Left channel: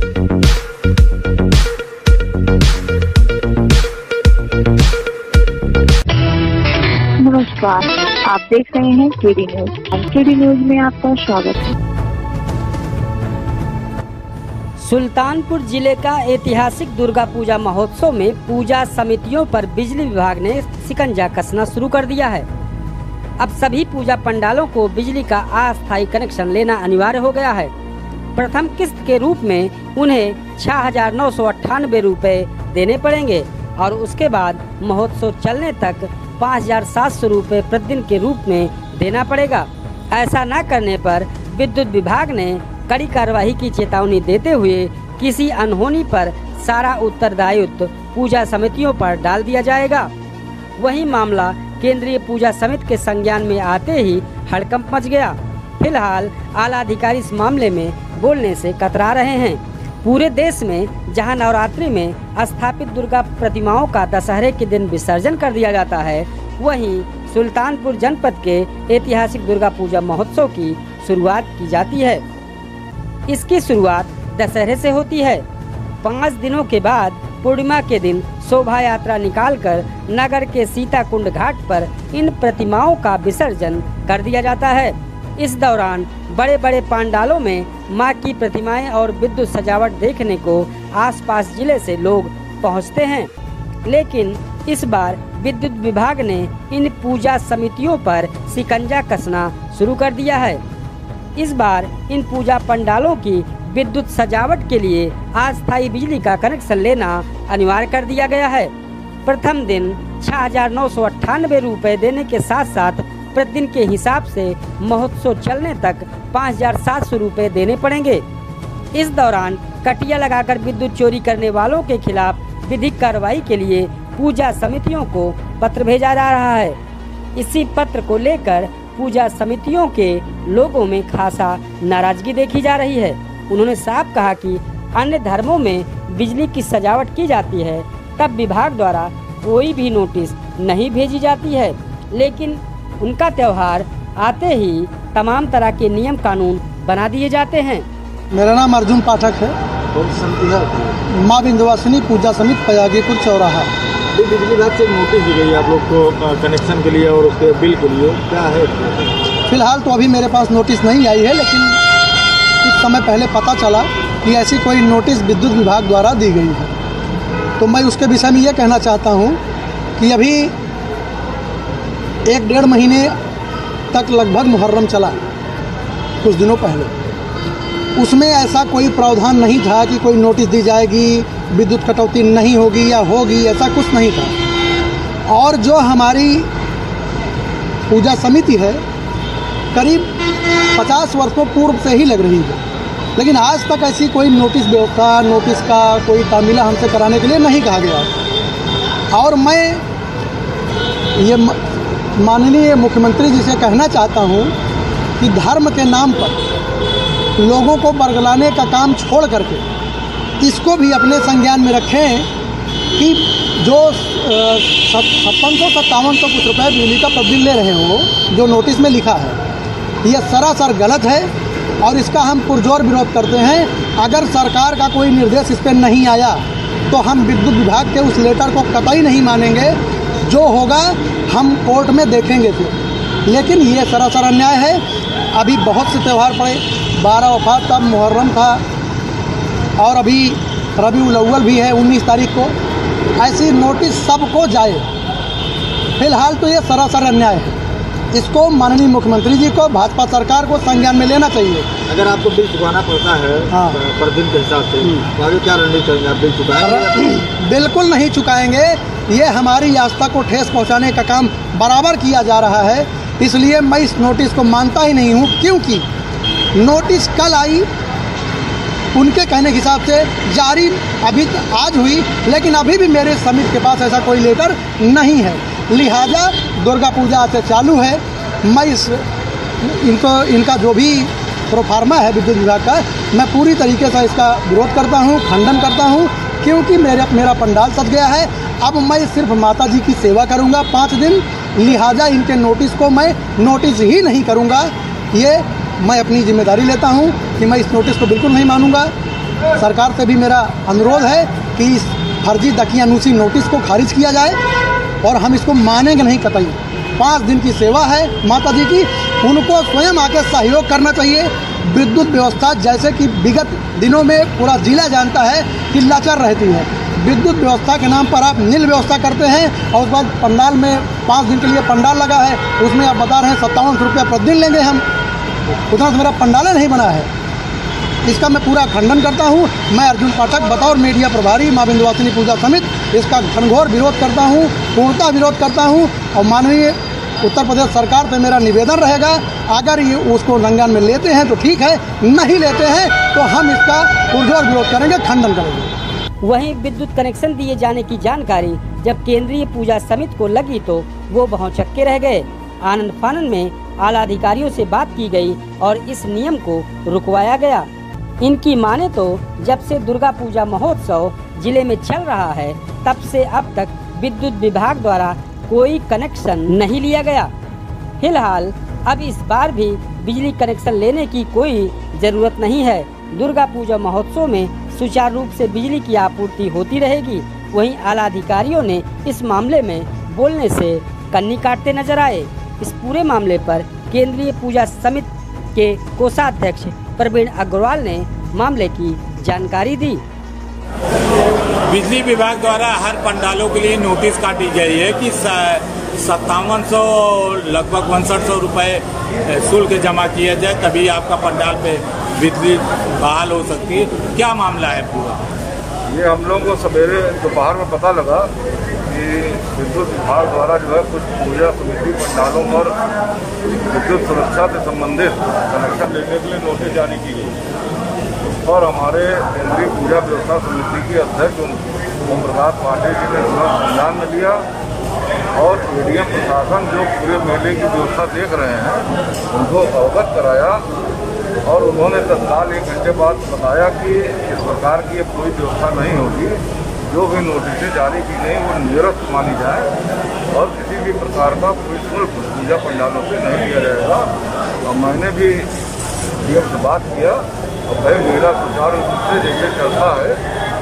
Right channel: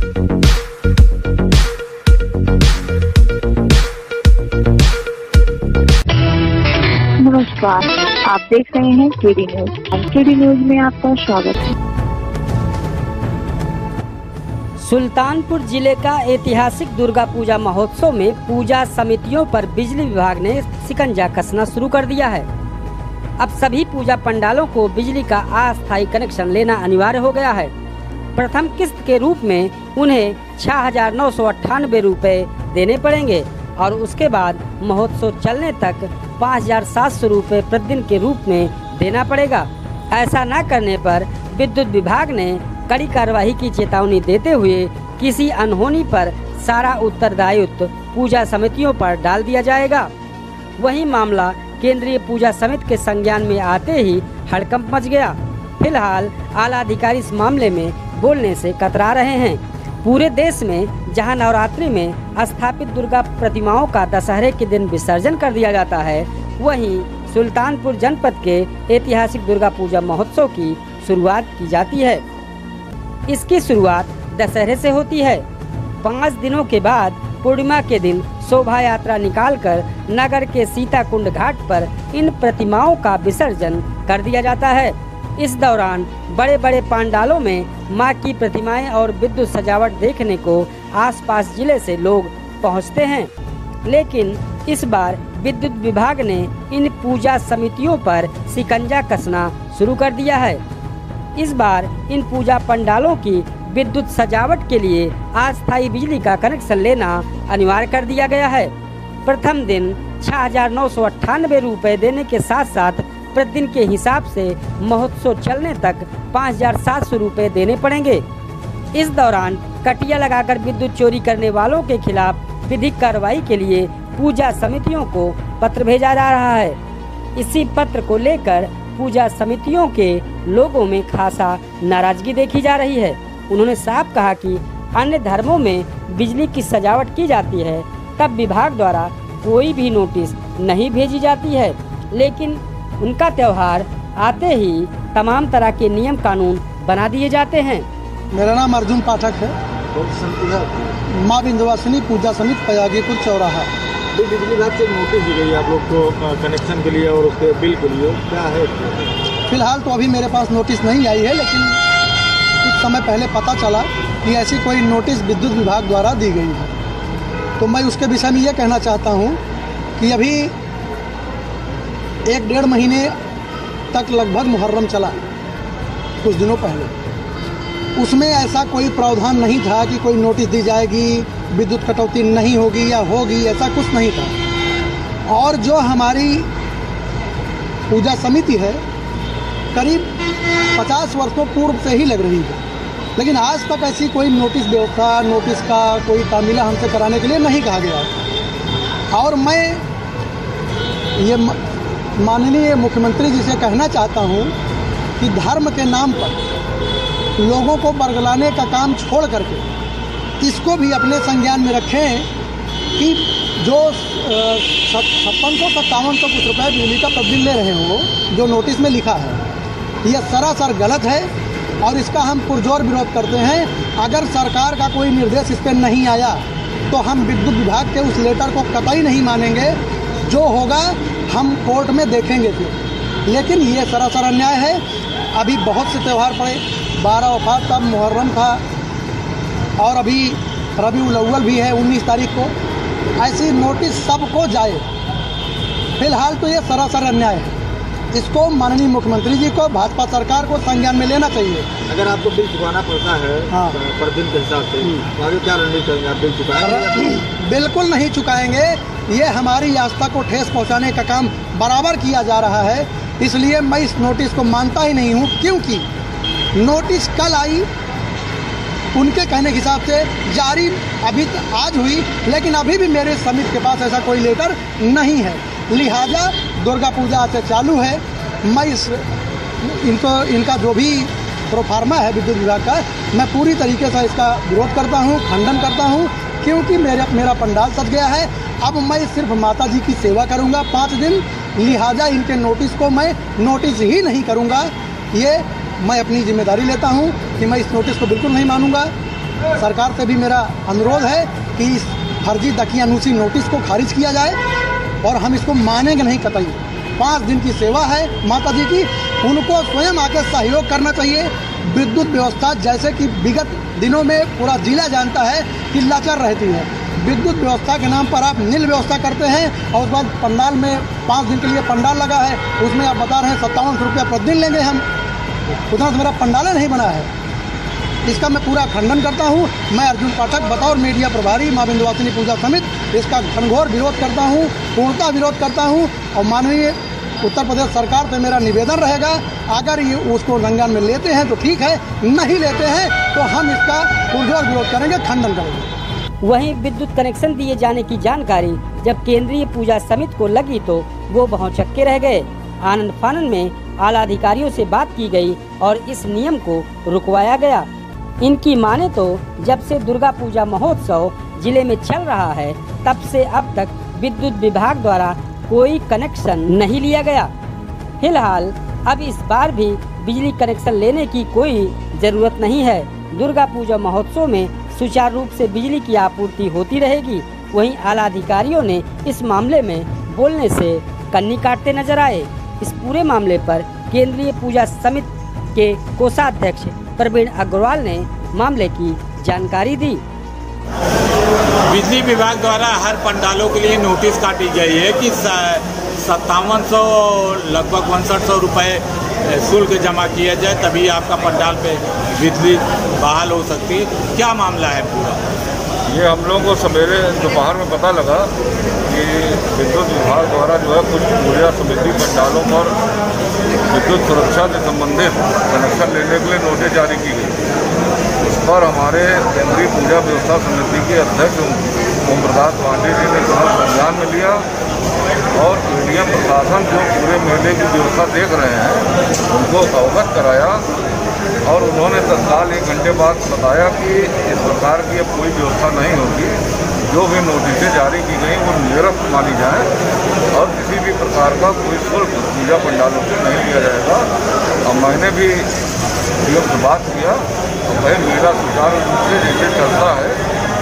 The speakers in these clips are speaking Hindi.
नमस्कार, आप देख रहे हैं केडी न्यूज। केडी न्यूज में आपका स्वागत है। सुल्तानपुर जिले का ऐतिहासिक दुर्गा पूजा महोत्सव में पूजा समितियों पर बिजली विभाग ने शिकंजा कसना शुरू कर दिया है। अब सभी पूजा पंडालों को बिजली का अस्थायी कनेक्शन लेना अनिवार्य हो गया है। प्रथम किस्त के रूप में उन्हें 6,998 रुपए देने पड़ेंगे और उसके बाद महोत्सव चलने तक 5,700 रुपए प्रतिदिन के रूप में देना पड़ेगा। ऐसा न करने पर विद्युत विभाग ने कड़ी कार्रवाई की चेतावनी देते हुए किसी अनहोनी पर सारा उत्तरदायित्व पूजा समितियों पर डाल दिया जाएगा। वही मामला केंद्रीय पूजा समिति के संज्ञान में आते ही हड़कंप मच गया। फिलहाल आला अधिकारी इस मामले में बोलने से कतरा रहे हैं। पूरे देश में जहां नवरात्रि में स्थापित दुर्गा प्रतिमाओं का दशहरे के दिन विसर्जन कर दिया जाता है, वहीं सुल्तानपुर जनपद के ऐतिहासिक दुर्गा पूजा महोत्सव की शुरुआत की जाती है। इसकी शुरुआत दशहरे से होती है। 5 दिनों के बाद पूर्णिमा के दिन शोभा यात्रा निकालकर नगर के सीताकुंड घाट पर इन प्रतिमाओं का विसर्जन कर दिया जाता है। इस दौरान बड़े बड़े पंडालों में मां की प्रतिमाएं और विद्युत सजावट देखने को आसपास जिले से लोग पहुंचते हैं। लेकिन इस बार विद्युत विभाग ने इन पूजा समितियों पर शिकंजा कसना शुरू कर दिया है। इस बार इन पूजा पंडालों की विद्युत सजावट के लिए अस्थायी बिजली का कनेक्शन लेना अनिवार्य कर दिया गया है। प्रथम दिन 6,998 रुपए देने के साथ साथ प्रतिदिन के हिसाब से महोत्सव चलने तक 5,700 रुपए देने पड़ेंगे। इस दौरान कटिया लगाकर विद्युत चोरी करने वालों के खिलाफ विधिक कार्रवाई के लिए पूजा समितियों को पत्र भेजा जा रहा है। इसी पत्र को लेकर पूजा समितियों के लोगों में खासा नाराजगी देखी जा रही है। उन्होंने साफ कहा कि अन्य धर्मों में बिजली की सजावट की जाती है तब विभाग द्वारा कोई भी नोटिस नहीं भेजी जाती है, लेकिन उनका त्यौहार आते ही तमाम तरह के नियम कानून बना दिए जाते हैं। मेरा नाम अर्जुन पाठक है। कौन सी समिति है? माँ विंध्यवासिनी पूजा समिति पयागीपुर चौराहा। बिजली विभाग से नोटिस दी गई आप लोग को कनेक्शन के लिए और उसके बिल के लिए, क्या है? फिलहाल तो अभी मेरे पास नोटिस नहीं आई है, लेकिन कुछ समय पहले पता चला कि ऐसी कोई नोटिस विद्युत विभाग द्वारा दी गई है। तो मैं उसके विषय में ये कहना चाहता हूँ कि अभी 1-1.5 महीने तक लगभग मुहर्रम चला कुछ दिनों पहले। उसमें ऐसा कोई प्रावधान नहीं था कि कोई नोटिस दी जाएगी, विद्युत कटौती नहीं होगी या होगी, ऐसा कुछ नहीं था। और जो हमारी पूजा समिति है करीब 50 वर्षों पूर्व से ही लग रही है, लेकिन आज तक ऐसी कोई नोटिस व्यवस्था, नोटिस का कोई तामीला हमसे कराने के लिए नहीं कहा गया। और मैं ये माननीय मुख्यमंत्री जी से कहना चाहता हूँ कि धर्म के नाम पर लोगों को बरगलाने का काम छोड़ करके इसको भी अपने संज्ञान में रखें कि जो 5657 कुछ रुपये बिजली का तब्दील ले रहे हो, जो नोटिस में लिखा है, ये सरासर गलत है और इसका हम पुरजोर विरोध करते हैं। अगर सरकार का कोई निर्देश इस पर नहीं आया तो हम विद्युत विभाग के उस लेटर को कतई नहीं मानेंगे। जो होगा हम कोर्ट में देखेंगे फिर। लेकिन ये सरासर अन्याय है। अभी बहुत से त्यौहार पड़े, 12 वफात तब मुहर्रम था और अभी रबीउल अव्वल भी है 19 तारीख को। ऐसी नोटिस सबको जाए। फिलहाल तो ये सरासर अन्याय है। इसको माननीय मुख्यमंत्री जी को, भाजपा सरकार को संज्ञान में लेना चाहिए। अगर आपको बिल चुकाना पड़ता है पर दिन के हिसाब से, तो आगे क्या रणनीति करेंगे? आप बिल चुकाएंगे? बिल्कुल नहीं चुकाएंगे। ये हमारी आस्था को ठेस पहुंचाने का काम बराबर किया जा रहा है। इसलिए मैं इस नोटिस को मानता ही नहीं हूँ, क्योंकि नोटिस कल आई, उनके कहने के हिसाब से जारी अभी आज हुई, लेकिन अभी भी मेरे समिति के पास ऐसा कोई लेटर नहीं है। लिहाजा दुर्गा पूजा से चालू है। मैं इनका जो भी प्रोफार्मा है विद्युत विभाग का, मैं पूरी तरीके से इसका विरोध करता हूँ, खंडन करता हूँ, क्योंकि मेरा पंडाल सज गया है। अब मैं सिर्फ माता जी की सेवा करूँगा 5 दिन, लिहाजा इनके नोटिस को मैं नोटिस ही नहीं करूँगा। ये मैं अपनी जिम्मेदारी लेता हूँ कि मैं इस नोटिस को बिल्कुल नहीं मानूंगा। सरकार से भी मेरा अनुरोध है कि इस फर्जी दकियानूसी नोटिस को खारिज किया जाए और हम इसको मानेंगे नहीं कतई। 5 दिन की सेवा है माता जी की, उनको स्वयं आके सहयोग करना चाहिए। विद्युत व्यवस्था जैसे कि विगत दिनों में पूरा जिला जानता है कि लाचार रहती है, विद्युत व्यवस्था के नाम पर आप नील व्यवस्था करते हैं और उस बाद पंडाल में 5 दिन के लिए पंडाल लगा है, उसमें आप बता रहे हैं 57 रुपया प्रतिदिन लेंगे हम, उतना मेरा पंडाले नहीं बना है। इसका मैं पूरा खंडन करता हूँ। मैं अर्जुन पाठक बतौर मीडिया प्रभारी मां विंध्यवासिनी पूजा समिति इसका घनघोर विरोध करता हूँ, पूर्णतः विरोध करता हूँ। और माननीय उत्तर प्रदेश सरकार से मेरा निवेदन रहेगा, अगर ये उसको संज्ञान में लेते हैं तो ठीक है, नहीं लेते हैं तो हम इसका पुरजोर विरोध करेंगे, खंडन करेंगे। वहीं विद्युत कनेक्शन दिए जाने की जानकारी जब केंद्रीय पूजा समिति को लगी तो वो भौचक्के रह गए। आनंद फानन में आला अधिकारियों से बात की गई और इस नियम को रुकवाया गया। इनकी माने तो जब से दुर्गा पूजा महोत्सव जिले में चल रहा है तब से अब तक विद्युत विभाग द्वारा कोई कनेक्शन नहीं लिया गया। फिलहाल अब इस बार भी बिजली कनेक्शन लेने की कोई जरूरत नहीं है। दुर्गा पूजा महोत्सव में सुचारू रूप से बिजली की आपूर्ति होती रहेगी। वहीं आला अधिकारियों ने इस मामले में बोलने से कन्नी काटते नजर आए। इस पूरे मामले पर केंद्रीय पूजा समिति के कोषाध्यक्ष प्रवीण अग्रवाल ने मामले की जानकारी दी। बिजली विभाग द्वारा हर पंडालों के लिए नोटिस काटी गई है कि 5700 लगभग 6100 रुपये शुल्क जमा किया जाए तभी आपका पंडाल पे बिजली बहाल हो सकती है। क्या मामला है पूरा? ये हम लोगों को सवेरे दोपहर में पता लगा कि विद्युत विभाग द्वारा जो है कुछ पूजा समिति पंडालों पर विद्युत सुरक्षा से संबंधित कनेक्शन लेने के लिए नोटिस जारी की गई। उस पर हमारे केंद्रीय पूजा व्यवस्था समिति के अध्यक्ष ओम प्रकाश पांडे जी ने तुरंत संज्ञान में लिया और एडीएम प्रशासन जो पूरे मेले की व्यवस्था देख रहे हैं उनको अवगत कराया और उन्होंने तत्काल 1 घंटे बाद बताया कि इस प्रकार की अब कोई व्यवस्था नहीं होगी, जो भी नोटिसें जारी की गई वो निरस्त मानी जाए और किसी भी प्रकार का कोई शुल्क पूजा पंडालों से नहीं लिया जाएगा। और मैंने भी डीएम से बात किया और भाई मेला सुचारू रूप से जैसे चलता है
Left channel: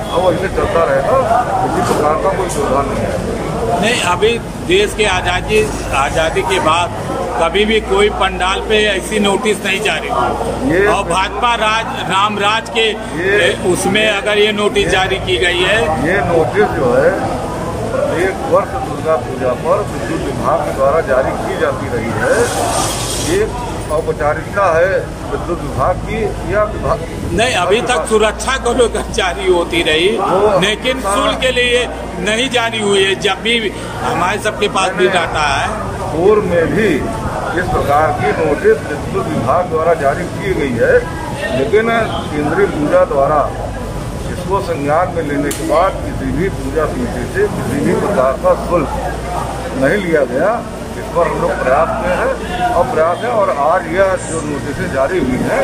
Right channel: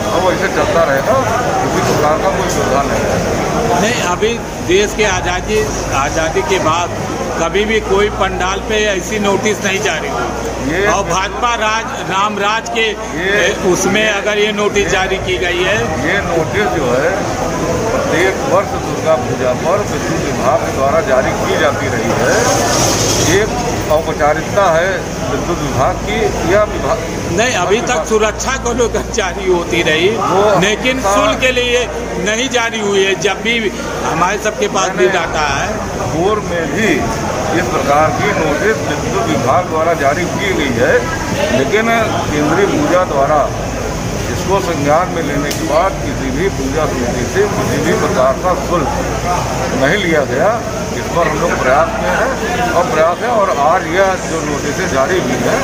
अब वैसे चलता रहेगा, किसी प्रकार का कोई व्यवधान नहीं है। नहीं, अभी देश के आज़ादी के बाद कभी भी कोई पंडाल पे ऐसी नोटिस नहीं जारी हुई और भाजपा राम राज के उसमें अगर ये नोटिस जारी की गई है। ये नोटिस जो है प्रत्येक वर्ष दुर्गा पूजा पर विद्युत विभाग के द्वारा जारी की जाती रही है। एक औपचारिकता है विद्युत विभाग की या विभाग नहीं, अभी तक सुरक्षा को लेकर जारी होती रही, लेकिन शुल्क के लिए नहीं जारी हुई है। जब भी हमारे सबके पास भी डाटा है, पूर्व में भी इस प्रकार की नोटिस विद्युत विभाग द्वारा जारी की गई है, लेकिन केंद्रीय पूजा द्वारा इसको संज्ञान में लेने के बाद किसी भी पूजा समिति से किसी भी प्रकार का शुल्क नहीं लिया गया। इस पर हम लोग प्रयास किए हैं और प्रयास है और आज यह जो नोटिसें जारी हुई हैं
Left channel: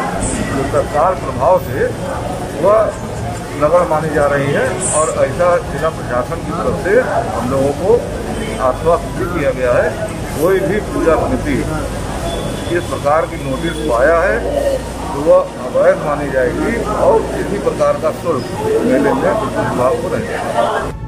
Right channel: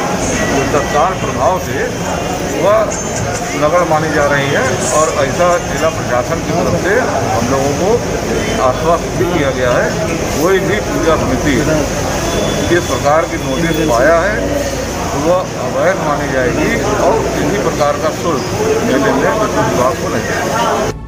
वो तत्काल प्रभाव से वह नगण्य मानी जा रही है और ऐसा जिला प्रशासन की तरफ से हम लोगों को आश्वस्त भी किया गया है। कोई भी पूजा समिति इस प्रकार की नोटिस पाया है तो वह अवैध मानी जाएगी और किसी प्रकार का शुल्क मेले में विद्युत विभाग को नहीं देगा।